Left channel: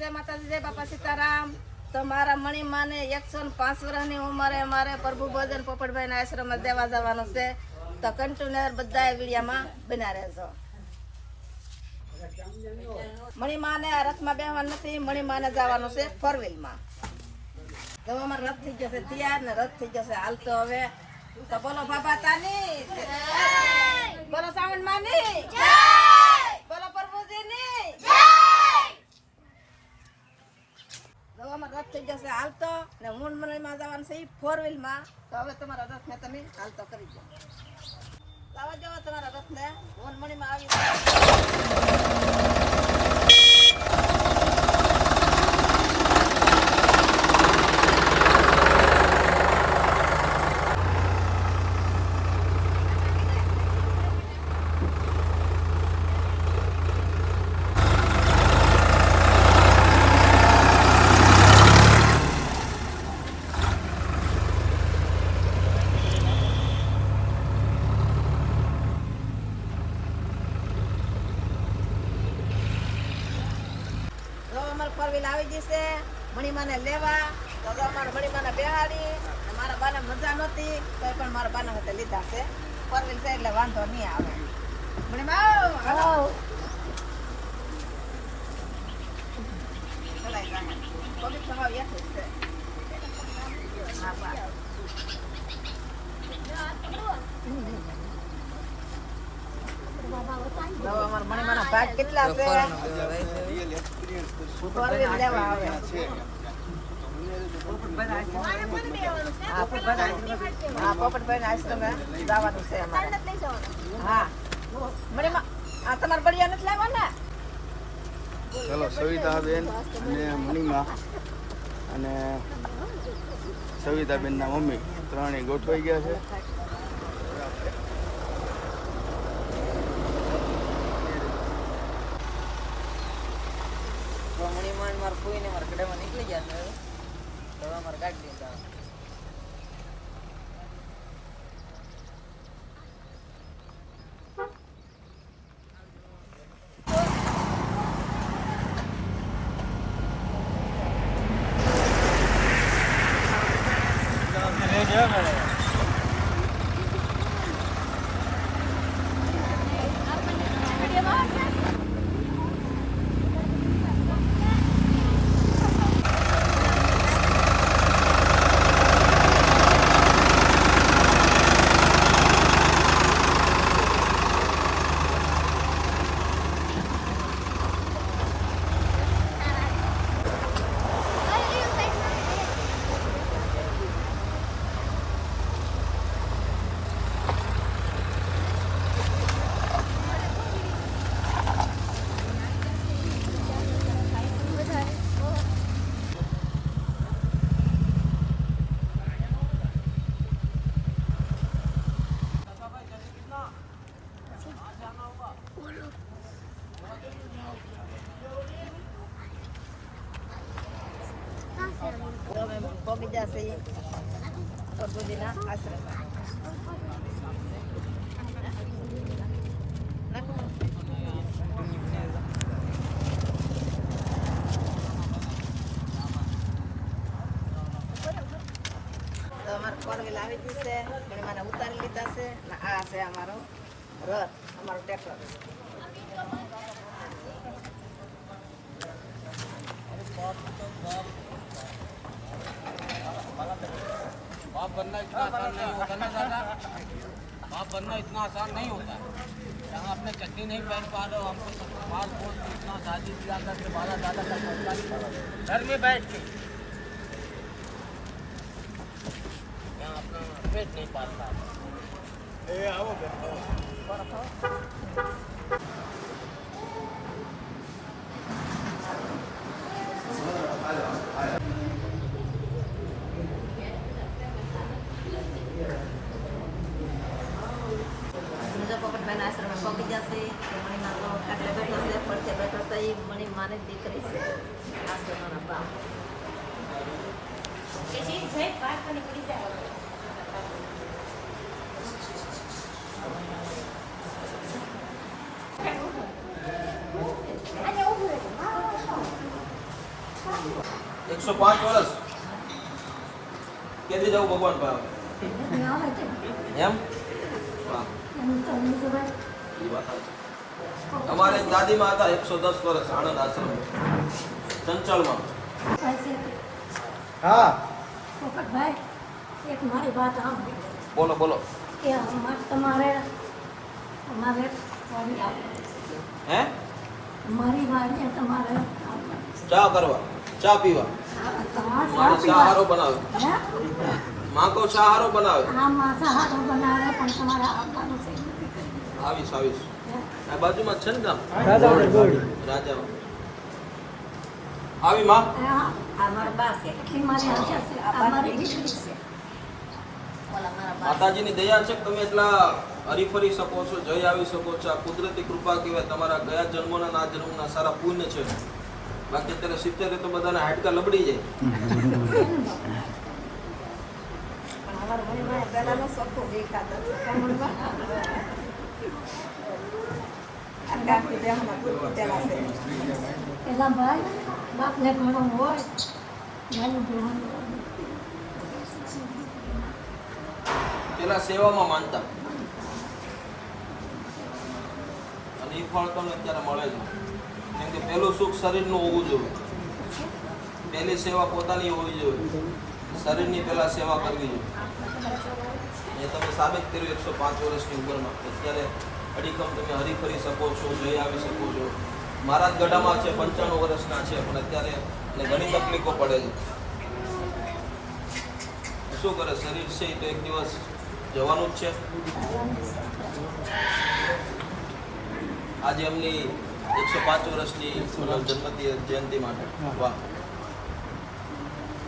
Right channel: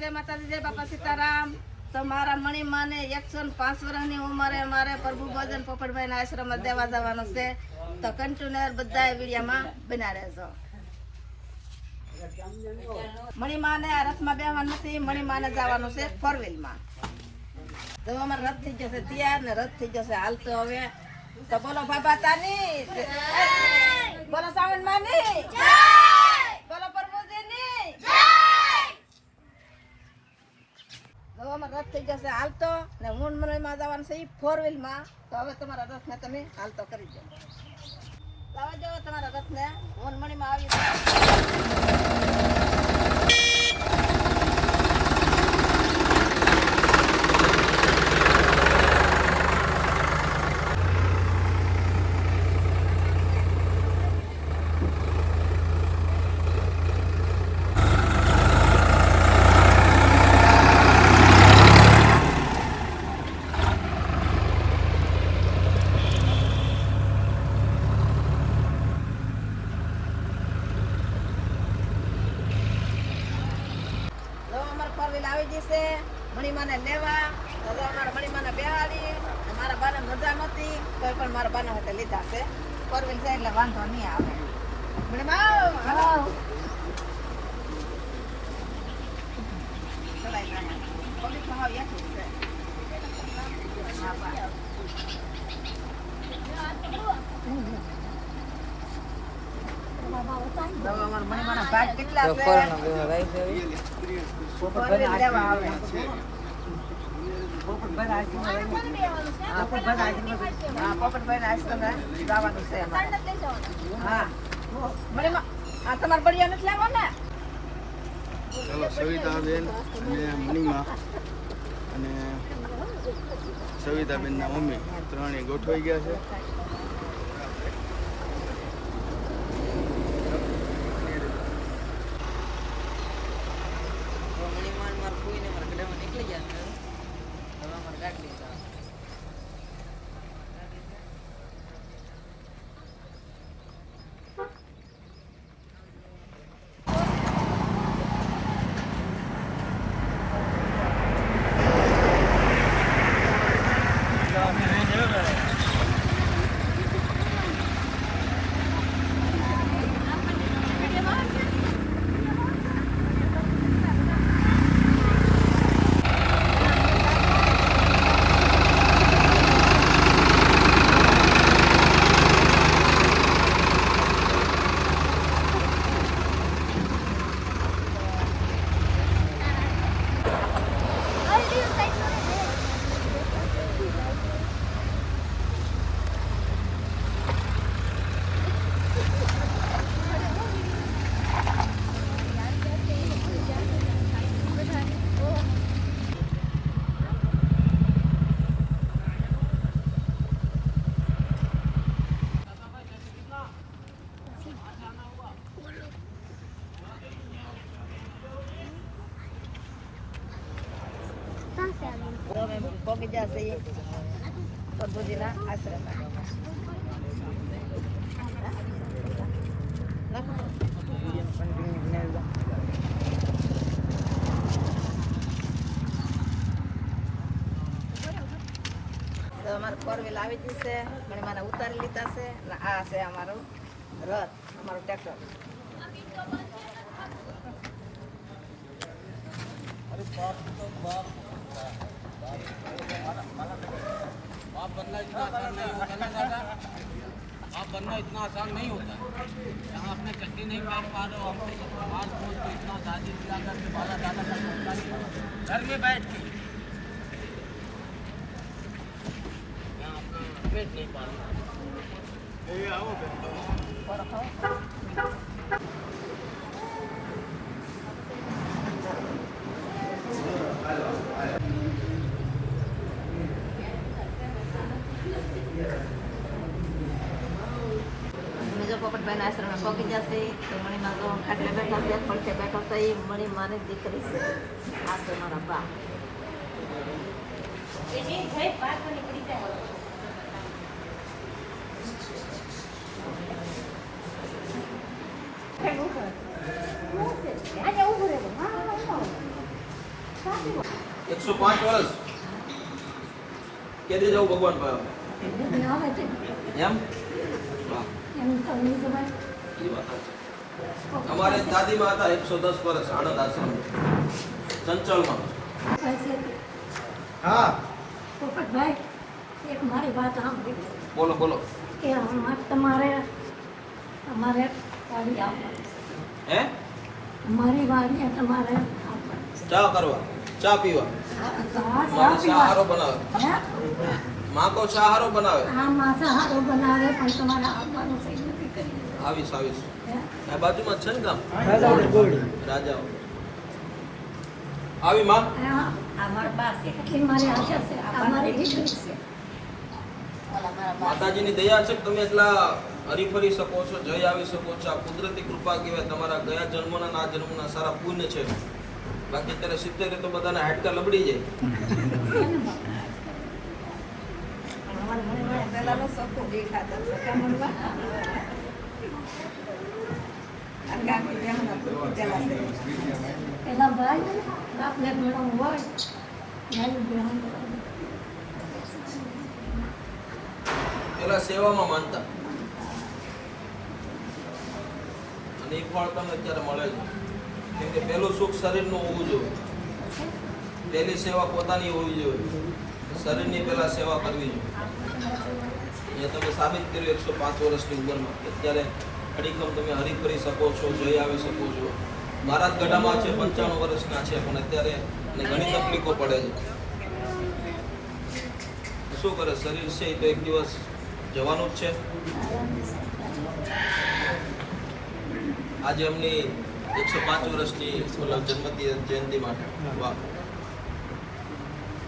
જય માતાજી, જય બાપા સીતારામ. તો મારા મણીમાને 105 વર્ષની ઉંમરે મારે પ્રભુ ભોજન પોપટભાઈના આશ્રમમાં દેવા જવાનું છે. તો કન્ટિન્યુઅર બધા વિડીયામાં બના રહેજો. મણીમાને આ રથમાં બેહવાનું નથી, મણીમાને જવાનું છે 4 વ્હીલમાં. તો અમારો રથ થઈ જશે તૈયાર ને રથ થઈ જશે હાલતો. હવે તો બોલો બાબા તાની, બોલો સાવણ માની, બોલો પ્રભુજીની. રથ થઈ જશે હાલતો ને હું મણીમાં જવાનું છે 4 વ્હીલમાં. તો હવે તમારા રથ ને તમે હાલતો કરી દો. લાવા જાઓ તમારા રથ ને, હું મણીમાં આવી આવી જશે મણીમાને લેવા. તો અમારા મણીમાને બેહાડી મારા બાને મજા નહોતી તો પણ મારા બાને હાથે લીધા છે. 4 વ્હીલ છે એટલે વાંધો નહીં આવે. મણીમા હાલો ચલાઈ જાઓ. પબ્લિક તો હાવ યાદ છે. તો અમારા મણીમાના ભાગ કેટલા છે? પોપટભાઈ આશ્રમે જવાનું છે. હા મણીમા આ તમારે બળિયા નથી લાવવા ને? સવિતાબેન મણીમા અને સવિતાબેનના મમ્મી ત્રણેય ગોઠવાઈ ગયા છે. પહોંચી જશે પ્રભુજીના આશ્રમમાં. તો અમારે 4 વ્હીલ આવી ગઈ છે. મણીમાને ઉતારી લીધા છે ને આ છે અમારો રથ, અમારું ટ્રેક્ટર. बनना इतना आसान नहीं होता ना दादा, बाप बनना इतना आसान नहीं होता. हम अपने चट्टी नहीं पहन पा रहे, हमको बात बोल के इतना दादी दिला करके बाबा दादा का घर में बैठ के मैं अपना पेट नहीं पालता. પોપટભાઈના આશ્રમે પહોંચી જશે. તો મણીમાં તો ખાટલે બેઠા છે, પડખે બેઠા છે. એ મણીમાની દીકરી છે, આ તો મારા બા. 105 વર્ષ કેદી જવું ભગવાન પાસે એમ વાહ ઈ વાત છે. અમારે એક દાદીમાં હતા 110 વર્ષ આનંદ આશ્રમ ચંચળમાં હા પોપટભાઈ એક મારી વાત સાંભળી બોલો બોલો કે તમારે અમારે વાડી આવવાનું. હે અમારી વાડીએ તમારે આવવાનું. ચા કરવા ચા પીવા ચા મારે પીવા. ચા હારો બનાવે હે? માં તો ચા હારો બનાવે આ માંસાહારી બનાવે પણ તમારે આવવાનું છે એવું નથી કર્યું. આવીશ આવીશ હે? આ બાજુમાં જ છે ને ગામ રાજા ગોળી રાજા આવી માં આ અમારા બા છે એટલી મારી આશા છે અમારી દીકરી છે. ઓલા મારા બા માતાજીની દયા છે કે તમે એટલા હરીફરી શકો છો જઈ આવી શકો છો આ કુદરતી કૃપા કહેવાય તમારા ગયા જન્મના ના જન્મના સારા પુણ્ય છે બાકી અત્યારે 70 તો બધાના હાડકા લબડી જાય અમારા મનમાં પહેલાનો સરખું દેખાતો સકામણમાં આખી જેમના પેલા છે એના ભાઈ બાપને ઘણો હોય એનું ગ્રહણ કરવું. પેલા સેવામાં માનતા અને એ ફળ તમને અત્યારે મળે છે કેમ કે પહેલું સુખ શરીરનું હોવું જોઈએ પહેલી સેવા પોતાની હોવી જોઈએ શરીરની પહેલા સેવા કરવી જોઈએ એ તમે સાબિત કર્યું 105 વર્ષની ઉંમરમાં અત્યારે અડીખમ તમે હરીફરી શકો છો જઈ આવી શકો છો મારા જ ગઢામાં છે 95 વર્ષના છે પણ અત્યારે એને ઘણી તકલીફો પડે છે શું કરે શરીર છે એ તો એક દિવસ જવાનું જ છે આજે એમની 105 વર્ષની જન્મ જયંતિ માટે વાહ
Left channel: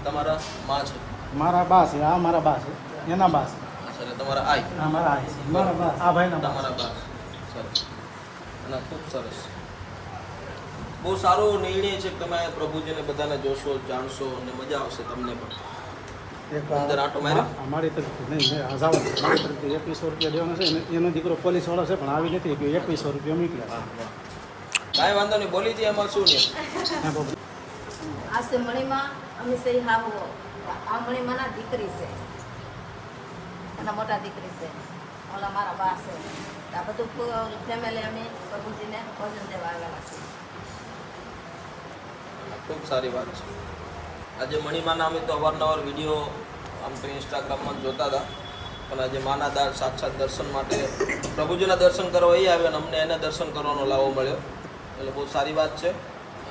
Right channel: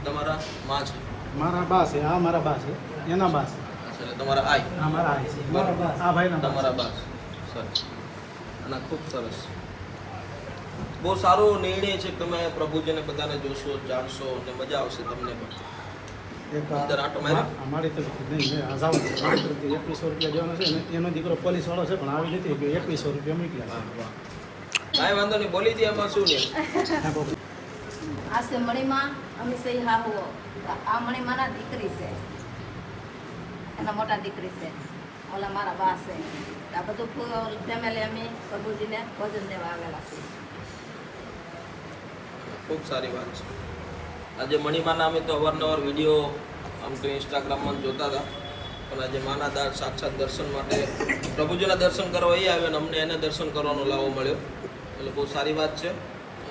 તમારા માં છે મારા બા છે આ મારા બા છે એના બા છે અને તમારા આઈ આ મારા આ છે મારા બા આ ભાઈના બા તમારા બા સરસ અને ખૂબ સરસ બહુ સારો નિર્ણય છે કે તમે પ્રભુજીને બધાને જોશો જાણશો અને મજા આવશે તમને પણ અંદર આંટો માર્યો? અમારી તો નહીં હજાર 2100 રૂપિયા દેવાનું છે એનો દીકરો પોલીસ વાળો છે પણ આવી નથી ગયો 2100 રૂપિયા મોકલ્યા કાંઈ વાંધો નહીં બોલી દે એમાં શું નહીં આ છે મણીમાં અમે સહી હા હો આ મણીમાંના દીકરી છે એના મોટા દીકરી છે ઓલા મારા બા છે આ બધું ફેમિલી અમે પ્રભુજીને ભજન દેવા આવેલા છે ખૂબ સારી વાત છે આજે મણિમાના અમે તો અવારનવાર વિડીયો આમ તો ઇન્સ્ટાગ્રામમાં જોતા હતા પણ આજે માના સાક્ષાત દર્શન માટે પ્રભુજીના દર્શન કરવા એ આવ્યા અને અમને એના દર્શન કરવાનો લાવો મળ્યો એટલે બહુ સારી વાત છે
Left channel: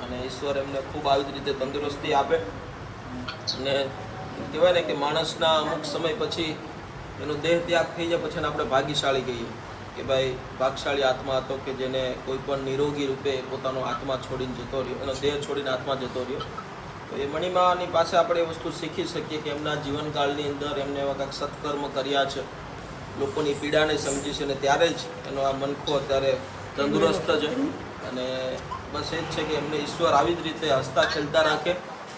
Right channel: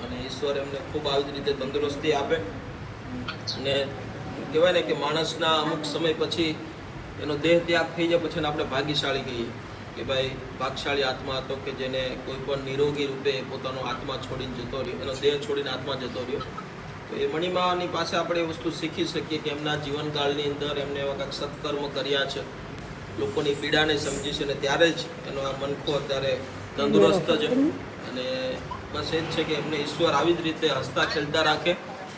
અને ઈશ્વર એમને ખૂબ આવી રીતે તંદુરસ્તી આપે અને કહેવાય ને કે માણસના અમુક સમય પછી એનો દેહ ત્યાગ થઈ જાય પછી એને આપણે ભાગ્યશાળી કહીએ કે ભાઈ ભાગશાળી આત્મા હતો કે જેને કોઈ પણ નિરોગી રૂપે પોતાનો આત્મા છોડીને જતો રહ્યો એનો દેહ છોડીને આત્મા જતો રહ્યો તો એ મણિમાની પાસે આપણે એ વસ્તુ શીખી શકીએ કે એમના જીવનકાળની અંદર એમને એવા કાંઈક સત્કર્મ કર્યા છે લોકોની પીડાને સમજી છે અને ત્યારે જ એનો આ મનખો અત્યારે તંદુરસ્ત છે અને બસ એ જ છે કે એમને ઈશ્વર આવી જ રીતે હસતા ખેલતા રાખે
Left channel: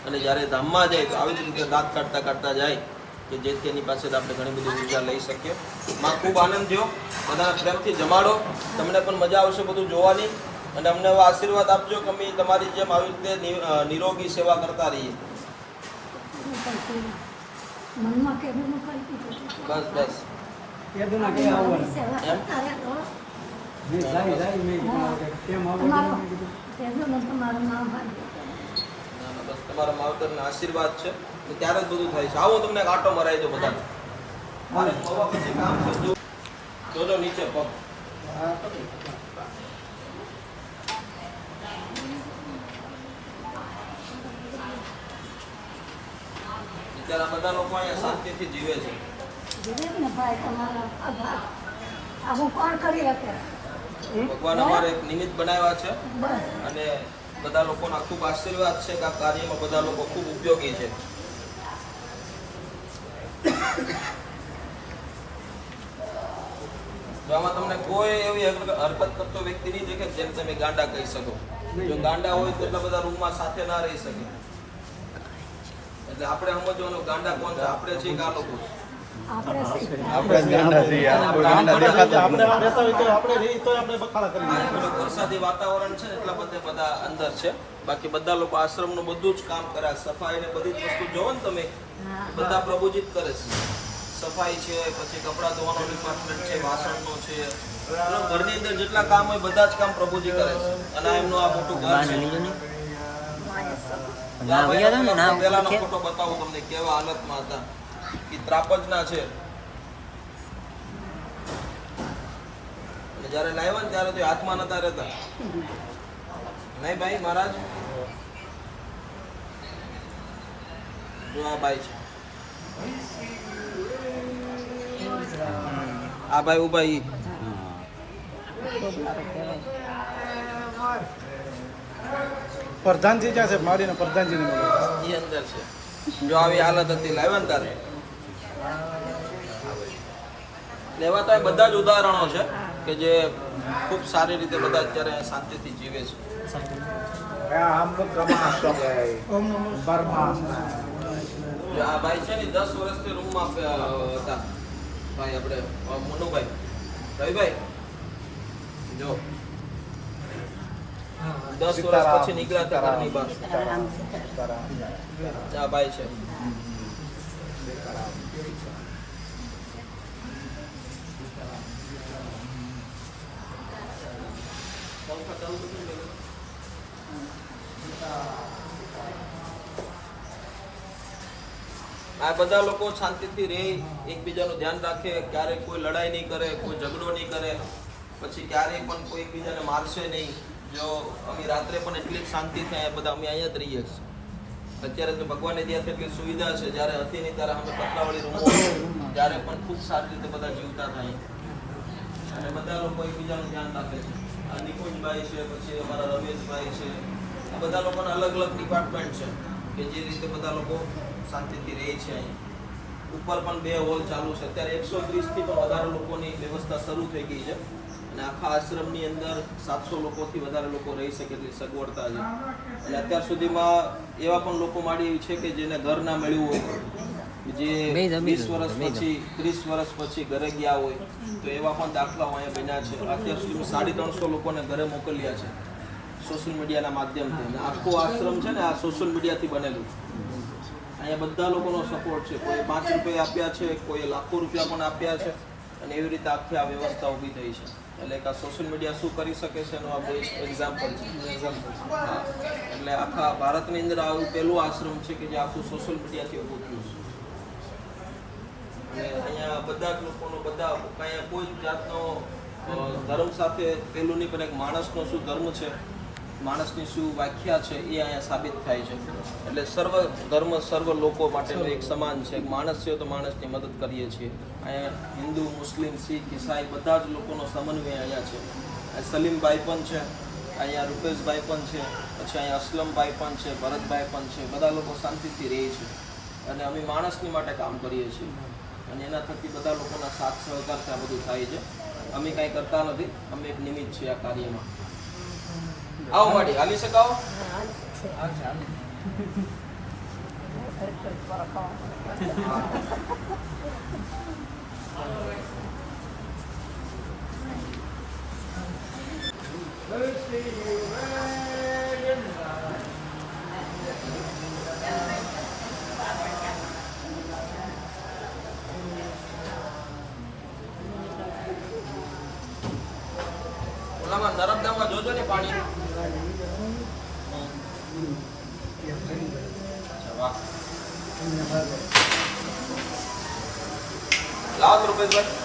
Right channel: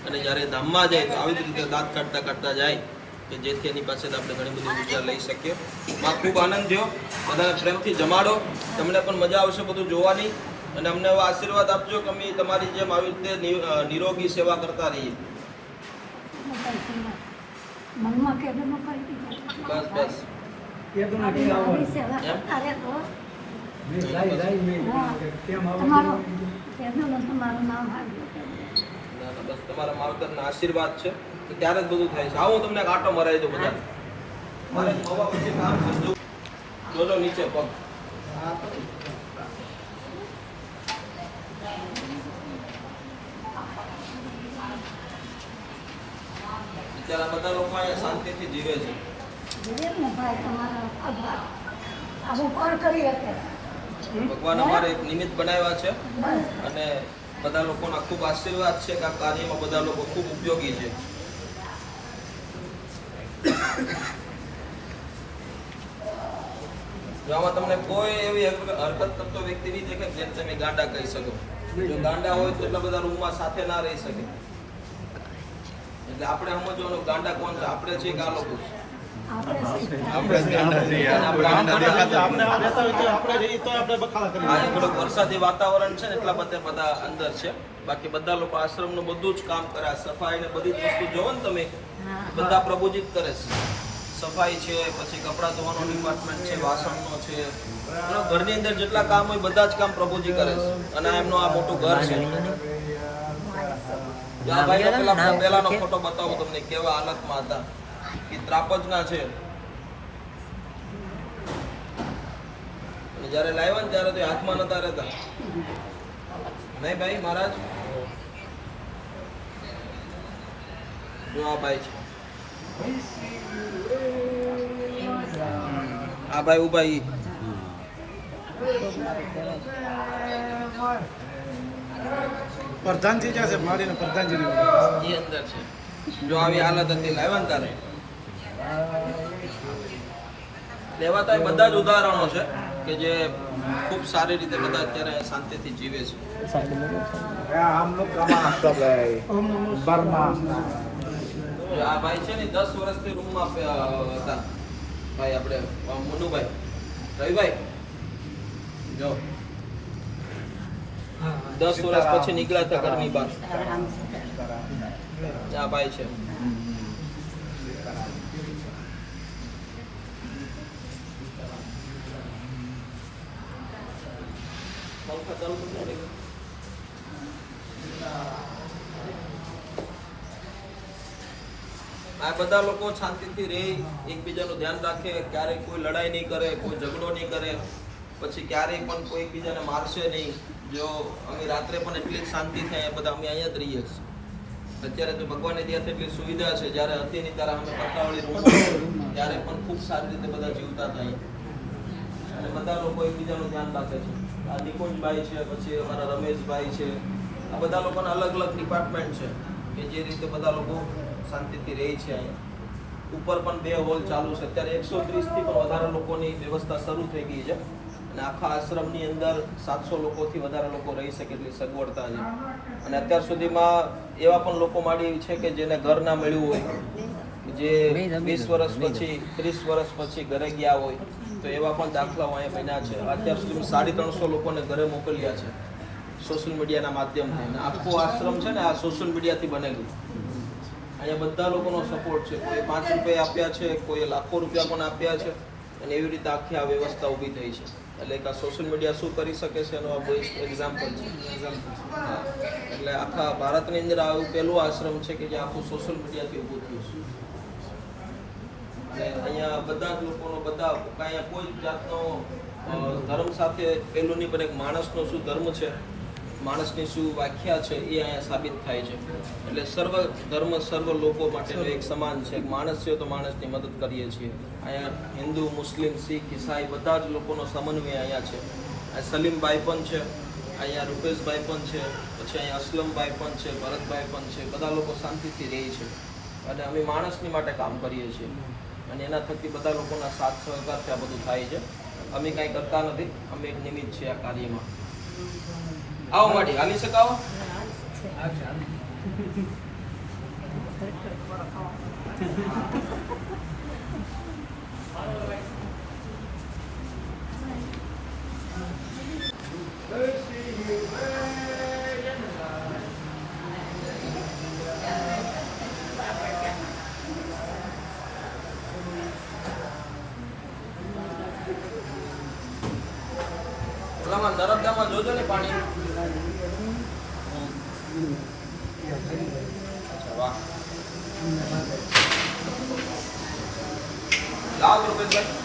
અને જ્યારે ધામમાં જાય તો આવી જ રીતે દાંત કાઢતા કાઢતા જાય કે જેથી એની પાસે આપણે ઘણી બધી ઊર્જા લઈ શકીએ માં ખૂબ આનંદ થયો બધાને પ્રેમથી જમાડો તમને પણ મજા આવશે બધું જોવાની અને અમને એવા આશીર્વાદ આપજો કે અમે તમારી જેમ આવી રીતે નિરોગી સેવા કરતા રહીએ મનમાં કેદુનું કરી દીધું. બસ બસ આવી આવી સેવા એમ? કરતા રહેતો. લાઈ તમારું કેદુનું તમારું નામ હાર્યું. બસ તમારા માવતરના આશીર્વાદ છે તો ત્યારે જ બધું થાય છે આવો તમને એક આંટો મરાવી દો બધા મારે હવા પછી કામ છે જોજો નીચે પગ અત્યારે આ બધા લોકો અહીંયા શાંતિથી જીવે છે જીવે ને ભાઈ તમારો આભાર. આવું કોણ કરી શકે? ભગવાન અમારે એક નિમિત્ત બનાવ્યા છે બસ અને બધા લોકોના ખૂબ આશીર્વાદ છે કે આ કાર્યમાં બધા લોકો ખૂબ ઉપયોગી છે જો આમાં તમને કોઈ એવી હરકત કરતો વ્યક્તિ નહીં દેખે જેને તમે ગાંડા કહી શકો જો ગાંડા હોય તો એટલા બધા રૂમમાં સાથે ના રહી શકે એટલે આપણે સમજવાનું ગાંડા કોણ છે આપણે છીએ કે આ લોકો આપણે આપણે આ રહેતા હોય તો આપણે રહી તો આપણે બખાડા કરીએ. આજે થોડુંક વરસાદી વાતાવરણ છે ને એટલા બધા અંદર છે. બાકી બધા લોકો આશ્રમનું બધું જ કામ કરે, સફાઈ ને બધી જ વસ્તુ જોવો ને તમે, બધા પ્રભુજી જ કરે છે. સફાઈ છે, પછી કપડાં ધોવાનો ડિપાર્ટમેન્ટ છે, વાસણનો છે, મતલબ ઘરની અંદર જેટલા કામ હોય બધા જ કામ પ્રભુજી કરે છે. અને આ એમનું આ મોટું ઘર છે. આ ભાઈનો પેલાનો ફોટો બતાવું તમને કેવા હાલતમાં હતા. એ ત્રાપજના છે. અને જ્યારે લાવ્યા ને ત્યારે તો હાથમાં નતા રહેતા. નહીં ભાઈ મહારાજ, જો આ ભાઈ છે, આ ભાઈ ઉભા ઈ પ્રધાનજી ક્યાં છે? મારીને પ્રધાનજીને બોલાવો. ઈ અંદર છે. જો આવી હાલત હતી લાવ્યા ને ત્યારે લેવાતા બધા જ ઉદાહરણો છે કે જે ખૂબ સારી રીતે બધા અત્યારે શાંતિથી જીવે છે. જો આ ભાઈ છે ને 10 વર્ષથી રૂમમાં હતા. ભાઈ આપણે મુન્નુભાઈ, રવિભાઈ, જો 10 વર્ષ પછી નીકળ્યા હતા ઘરની બહાર. આ ભાઈ છે. આ બધા લોકો શાંતિથી રહે, એકબીજાનું ધ્યાન રાખે, ક્યારેય કોઈ લડાઈ નહીં કરે, કોઈ ઝઘડો નહીં કરે, પછી ક્યારેય પણ કોઈ એકબીજાને મારશે નહીં. જો અમે રાત્રે પણ એટલી જ શાંતિ થાય બધા અમે અહીંયા જ રહીએ છીએ. અત્યારે તો ભગવાનની ત્યાંથી એટલી સુવિધા છે. જ્યારે હતી નહીં ત્યારે અમે પતલાવાળી રૂમ ત્યારે પણ ખૂબ સારી રીતે બધા જીવતા થાય. અને બધા લોકો એકબીજાનું ધ્યાન રાખે છે. આ નિકુંજભાઈ છે, પછી અમારા રમેશભાઈ છે, આ બધા લોકોના અલગ અલગ ડિપાર્ટમેન્ટ છે કે જે રીતે બધા લોકો શાંતિથી રહે છે. અહીંયા ઉપર પણ 2 હોલ ચાલુ છે. અત્યારે 130 થી પણ વધારે લોકોની વ્યવસ્થા શરૂ થઈ ગઈ છે. અને આખા આશ્રમની અંદર 700 લોકોથી વધારે લોકો રહી શકે એટલી સગવડતા છે. અને અત્યાર સુધીમાં એવા પણ લોકો માડી છે કે જેને ઘર ના મળ્યું હોય, જે 20 વર્ષ પછી 30 વર્ષ પછી ઘરે ગયા હોય, તો એવા પણ દાખલાઓ અહીંયા બન્યા છે. અત્યાર સુધી 350 લોકોને ઘરે મોકલ્યા છે સોશિયલ મીડિયાના માધ્યમથી. અને આખું આશ્રમ છે ને આ સોશિયલ મીડિયાથી બનેલું. અહીંયા બધા લોકોનો સપોર્ટ છે. કોઈ 5 રૂપિયા આપ્યા છે, કોઈ લાખો રૂપિયા પણ આપ્યા છે. અને એવી રીતે આખી આ વ્યવસ્થા ઊભી થઈ છે. એટલે કે આ સોશિયલ મીડિયા શું કરી શકે છે એનું આ બેસ્ટ એક્ઝામ્પલ છે. હા, એટલે આખા ભારતની અંદર આવું પહેલું આશ્રમ છે કે જે આખું સોશિયલ મીડિયાથી ઊભું થયું છે. અને અહીંયા બધા જ લોકોનો બધા કાંઈ કોઈ જાતનો ધર્મ સાથે પેલું નહીં, પણ એક માણસનો શું ધર્મ છે, માણસની શું વ્યાખ્યા છે એ અહીંયા સાબિત થાય છે. એટલે સર્વ ધર્મ સર્વ લોકો માટેનું એક સમાન છે. એક માણસ છે તો માણસની મદદ કરીએ છીએ. અહીંયા હિન્દુ, મુસ્લિમ, શીખ, ઈસાઈ બધા જ લોકોનો સમન્વય અહીંયા છે. સલીમભાઈ પણ છે, અહીંયા રૂપેશભાઈ પણ છે, પછી અહીંયા અસલમભાઈ પણ છે, ભરતભાઈ પણ છે. બધા લોકો શાંતિથી રહે છે. અને અમે માણસની માટે કામ કરીએ છીએ. અને એના થકી બધા લોકોના સાથ સહકારથી આ બધું થાય છે. અમે કાંઈ કરતા નથી, અમે એક નિમિત્ત છીએ આ કાર્યમાં. આવો માડી હાલી શકાવો. ઓલામાં નર્મદામાં જોજો ને પાણી. વાહ, લાખ રૂપિયા.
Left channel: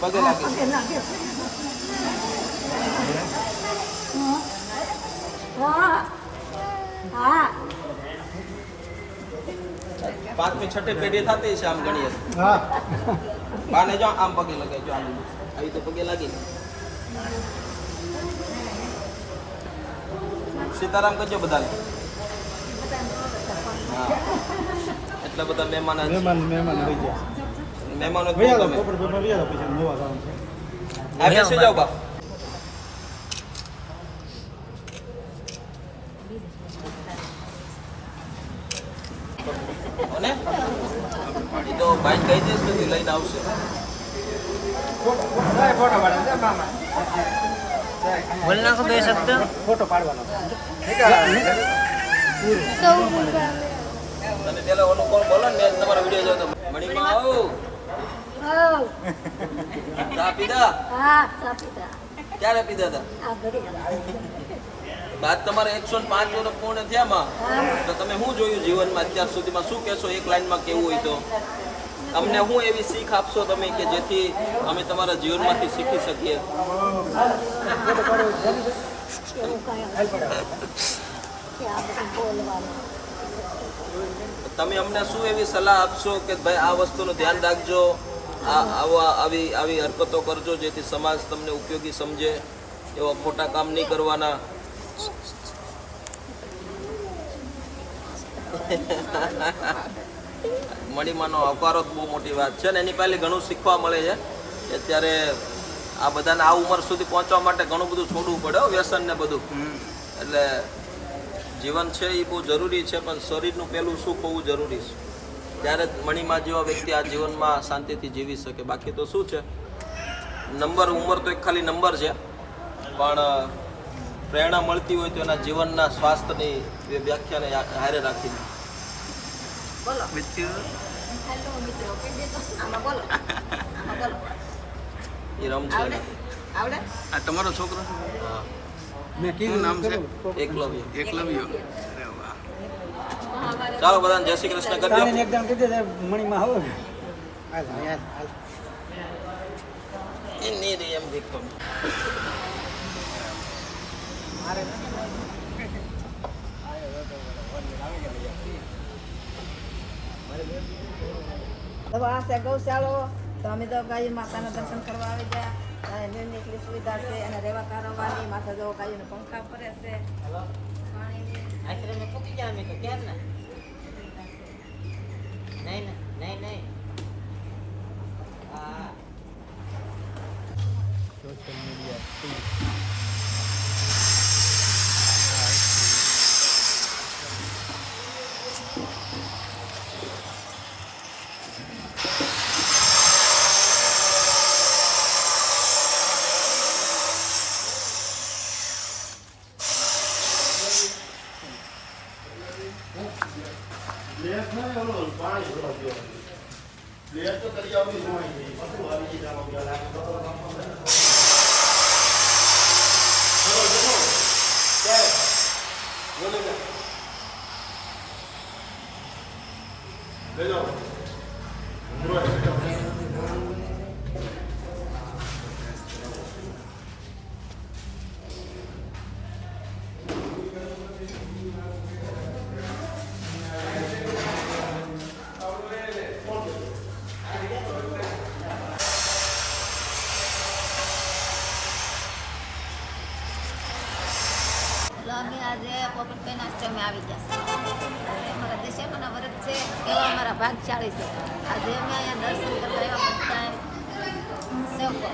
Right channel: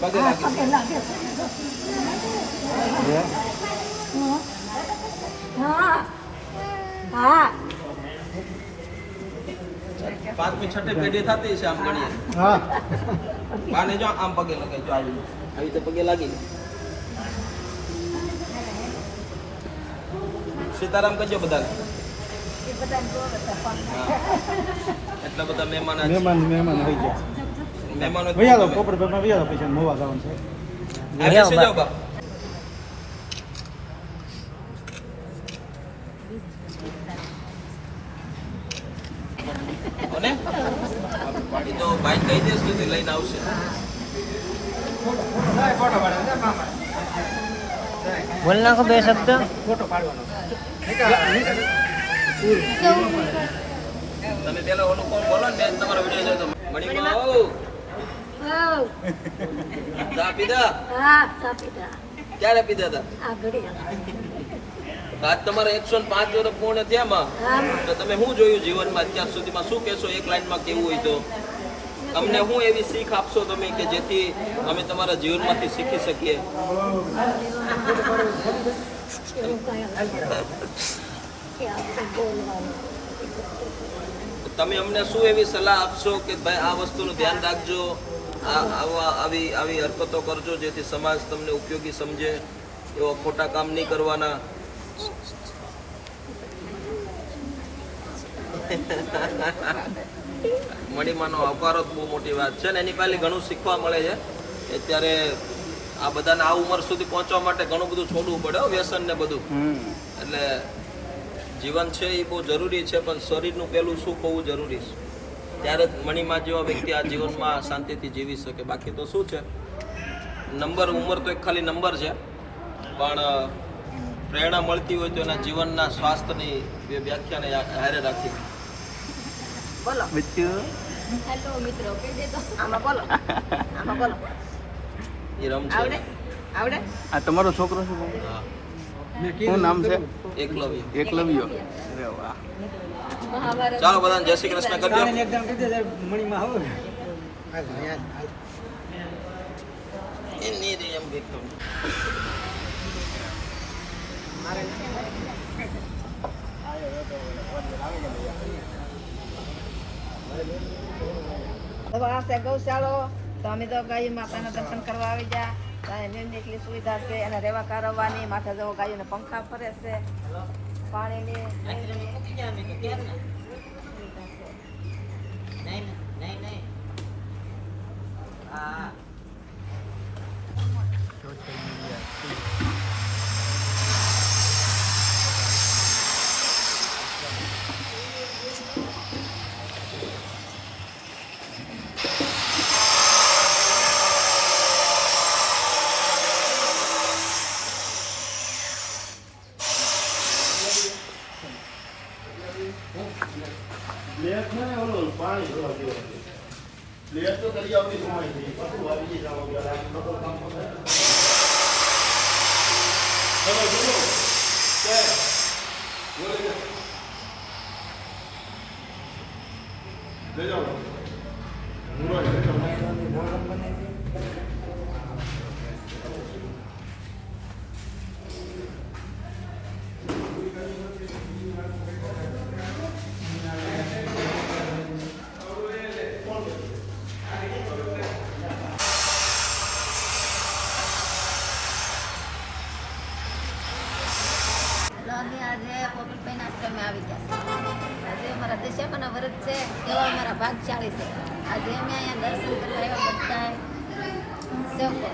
પગે લાગે છે. હા હા 5મી 6ઠી પેઢી થતી છે આમ ગણીએ. હા, બાને જો આમ પગે લગાય, જો આવી રીતે પગે લાગી. સીતારામ કરજો બધાને. હા, એટલા બધા મહેમાન મહેમાન આવી ગયા. મહેમાનો ભૈયા તો પોપટ પેપર ભૈયા તો પછી નવા જવાનું છે આ બેસી જાઓ બા અને એ તો ભાઈ કહી દેશ સુધી લઈને આવશે બોલ નાખો બે શબ્દ. ફોટો પાડવાનો તમે પેલા ઓલું કોણ બોલો ને મેં તમારા વિડીયો જોયો તો મણીમાં આવો આવ. ચા પીધા હા સાપીતા ક્યારે પીધા હતા આ ઘડી આજ તમારે 105 વર્ષ પૂર્ણ થયા માં આમ તો તમે શું જોયું જીવનમાં અત્યાર સુધીમાં શું કહેશો એક લાઈનમાં કેવું હોય તો અમને શું એવી શીખ આપશો તમે કે જેથી અમે તમારા જીવનમાંથી શીખી શકીએ એવું કાંઈ કે આપણે બોલવાનું તમે અમને શું એવી સલાહ આપશો કે ભાઈ આ વસ્તુનું ધ્યાન રાખજો આવી હરકતો કરજો જેથી સમાજ તમને ઉપયોગી સમજે એવા ખોટા કામ નહીં કરવાના મણીમાંનો અવકારો જ બહુ મોટી વાત છે ને એની પહેલી ઘણું શીખવા મળે છે અત્યારે આ બધાને આ ઉંમર સુધી પહોંચવા માટે ઘણું બધું છોડવું પડે વ્યસન ને બધું એટલે જીવન છે એ બહુ જરૂરી છે પણ શરીરનું પહેલું સુખ હોવું જરૂરી છે ત્યારે જ મણીમાં જેવા વ્યક્તિ આ જીવનમાં શાંતિથી જીવી શકે બાકી તો શું છે ઉંમર તો એક ખાલી નંબર છે પણ પ્રેરણા મળતી હોય તો એના જીવનના સ્વાસ્થ્યની એ વ્યાખ્યાને હારે રાખી બોલો આમાં બોલો આમાં બોલો એ રમશે આવડે આવડે આ તમારો છોકરો શું શું નામ છે? એકલવ્ય એકલવ્ય. ચાલો બધાને જય શ્રી કૃષ્ણ કરજો આને એકદમ કીધું સાહેબ મણીમાં આવો ને એ નહીં રે એમ દેખતો તો આ છે ગૌશાળો તો અમે તો ગાય માતાના દર્શન કરવા આવી જા એની એટલી સુવિધા છે અને રહેવા કારવવાની માથે જવો ગાયોને પંખા ફરે છે પાણીની અમે આજે પોપટભાઈ આશ્રમે આવી ગયા છે આજે અમારા દિશામાના વ્રત છે એવા અમારા ભાગશાળી છે આજે અમે અહીંયા દર્શન કરવા એવા બધા સેવકો